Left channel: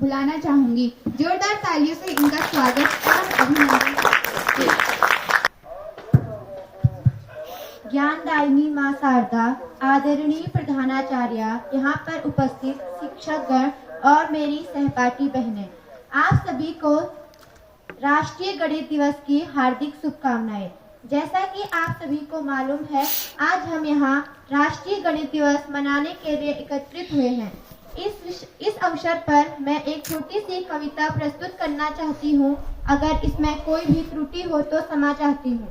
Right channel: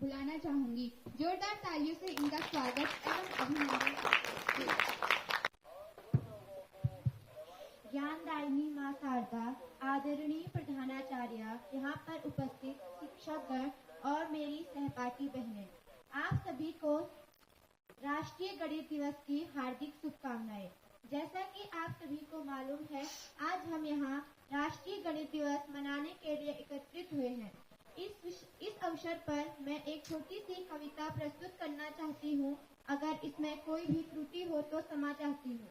बुलाना चाहूंगी। जोरदार तालियों से इनका स्वागत और अभिनंदन। ज्ञानदायिनी मां शारदा, आदरणीय प्रधानाचार्य, यहाँ पर उपस्थित शिक्षकगण और मेरी सहपाठी बहनें, आप सभी को राष्ट्रीय गणित दिवस की हार्दिक शुभकामनाएं। जैसा कि आप सभी को मालूम है, आज हम यहाँ राष्ट्रीय गणित दिवस मनाने के लिए एकत्रित हुए हैं। इस अवसर पर मैं एक छोटी सी कविता प्रस्तुत करना चाहती हूँ। अगर इसमें कोई भी त्रुटि हो तो क्षमा चाहती हूँ।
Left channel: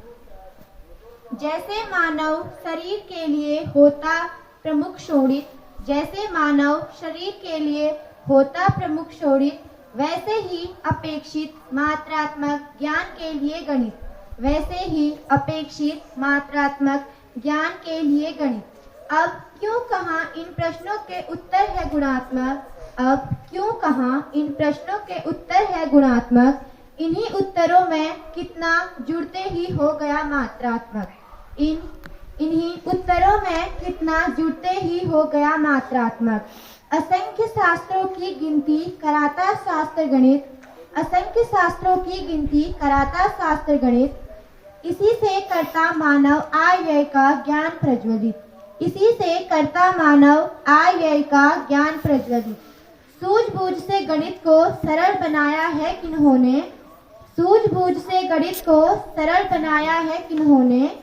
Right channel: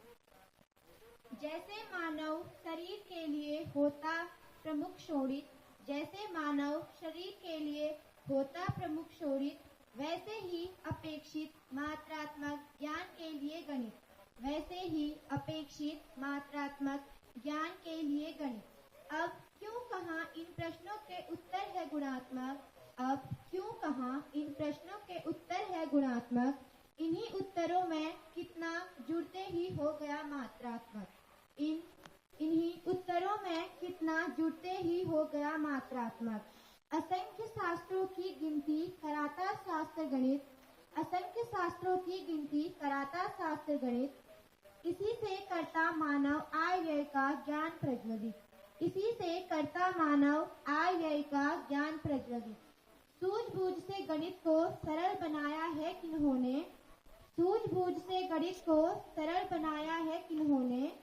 जैसे मानव शरीर के लिए होता प्रमुख शोणित, जैसे मानव शरीर के लिए होता प्रमुख शोणित, वैसे ही अपेक्षित मात्रात्मक ज्ञान के लिए गणित, वैसे ही अपेक्षित मात्रात्मक ज्ञान के लिए गणित। अब क्यों कहाँ इन प्रश्नों के उत्तर है गुणात्मक, अब क्यों कहाँ इन प्रश्नों के उत्तर है गुणात्मक, इन्हीं उत्तरों में कितना जुड़ते ही हो गया मात्रात्मक, इन्हीं उत्तरों में कितना जुड़ते ही हो गया मात्रात्मक। असंख्य शास्त्रों की गिनती कराता शास्त्र गणित, असंख्य शास्त्रों की गिनती कराता शास्त्र गणित, इसी से करता मानव आय व्यय का ज्ञान प्रज्वलित, इसी से करता मानव आय व्यय का ज्ञान प्रज्वलित। सूझबूझ से गणित को सरल बनाया है किन्होंने, सूझबूझ से गणित को सरल बनाया है किन्होंने,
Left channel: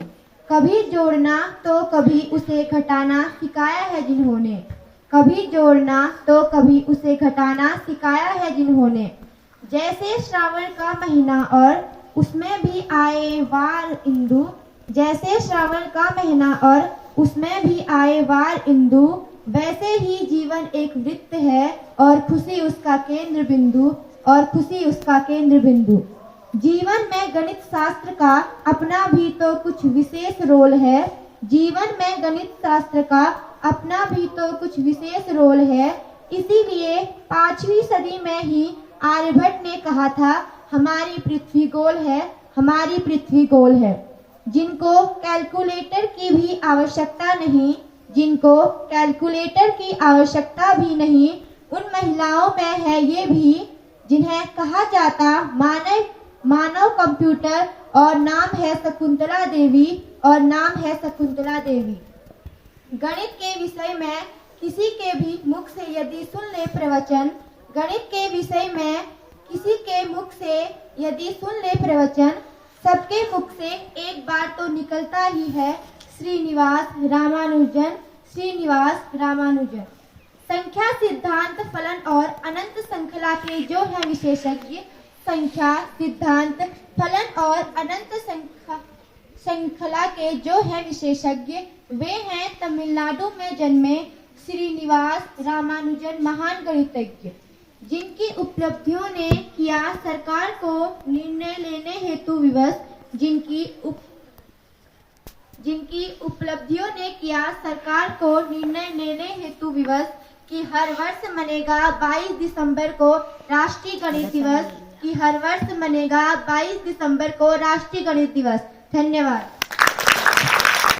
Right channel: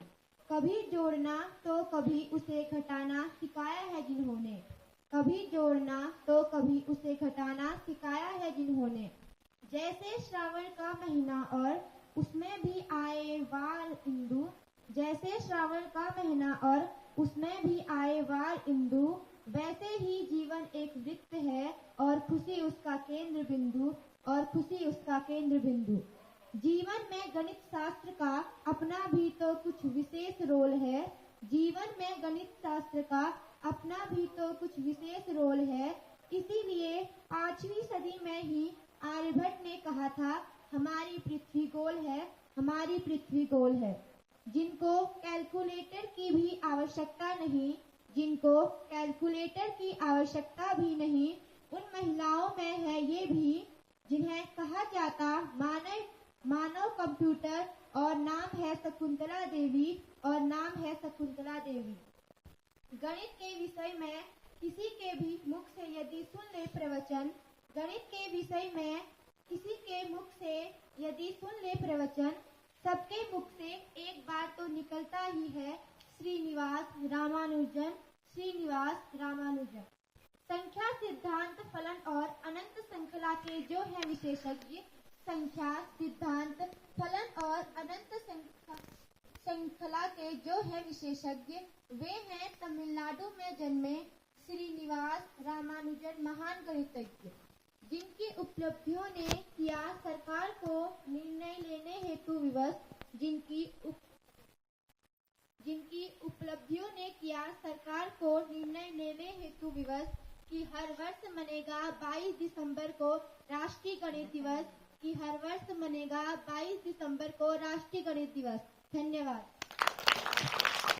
कभी जोड़ना तो कभी उसे घटाना सिखाया है जिन्होंने, कभी जोड़ना तो कभी उसे घटाना सिखाया है जिन्होंने। जैसे श्रावण का महीना और उसमें भी आए वार इंदु, जैसे श्रावण का महीना और उसमें भी आए वार इंदु, वैसे ही जीवन एक वृत्त है और खुशी उसका केंद्र बिंदु, और खुशी उसका केंद्र बिंदु। जीवन में गणित शास्त्र का अपना भी तो कुछ विशेष रोल है, जीवन में गणित शास्त्र का अपना भी तो कुछ विशेष रोल है। इसीलिए 5वीं सदी में ही आर्यभट्ट ने कहा था, हमारी पृथ्वी गोल है, हमारी पृथ्वी गोल है। जिनको कैलकुलेटर की भी आवश्यकता नहीं, जिनको कैलकुलेटर की आवश्यकता भी नहीं, उन महिलाओं में है ये भी जिन्हें कहा जाता मानव कंप्यूटर, और नाम है शकुंतला देवी, और नाम है शकुंतला देवी। गणित के विषय में किसी के भी मुख से यदि सुन ले प्रवचन, गणित के विषय में किसी के मुख से यदि सुन ले प्रवचन, सबके मुख से एक बार तो निकलता ही है, श्रीनिवास रामानुजन, श्रीनिवास रामानुजन। संख्या सिद्धांत फलन और अनंत श्रृंखला के जो हैं विशेषज्ञ, संख्या सिद्धांत फलन और अनंत श्रृंखला के जो हैं विशेषज्ञ, वे हैं तमिलनाडु में जन्मे श्रीनिवास रामानुजन, महान गणितज्ञ, जिनकी उपलब्धियों ने किया सरकार को निर्णय लेने हेतु विवश, जिनकी उपलब्धियों ने किया सरकार को निर्णय लेने हेतु विवश कि हर वर्ष मनेगा 22 दिसंबर को राष्ट्रीय गणित दिवस, कि हर वर्ष मनेगा 22 दिसंबर को राष्ट्रीय गणित दिवस। धन्यवाद।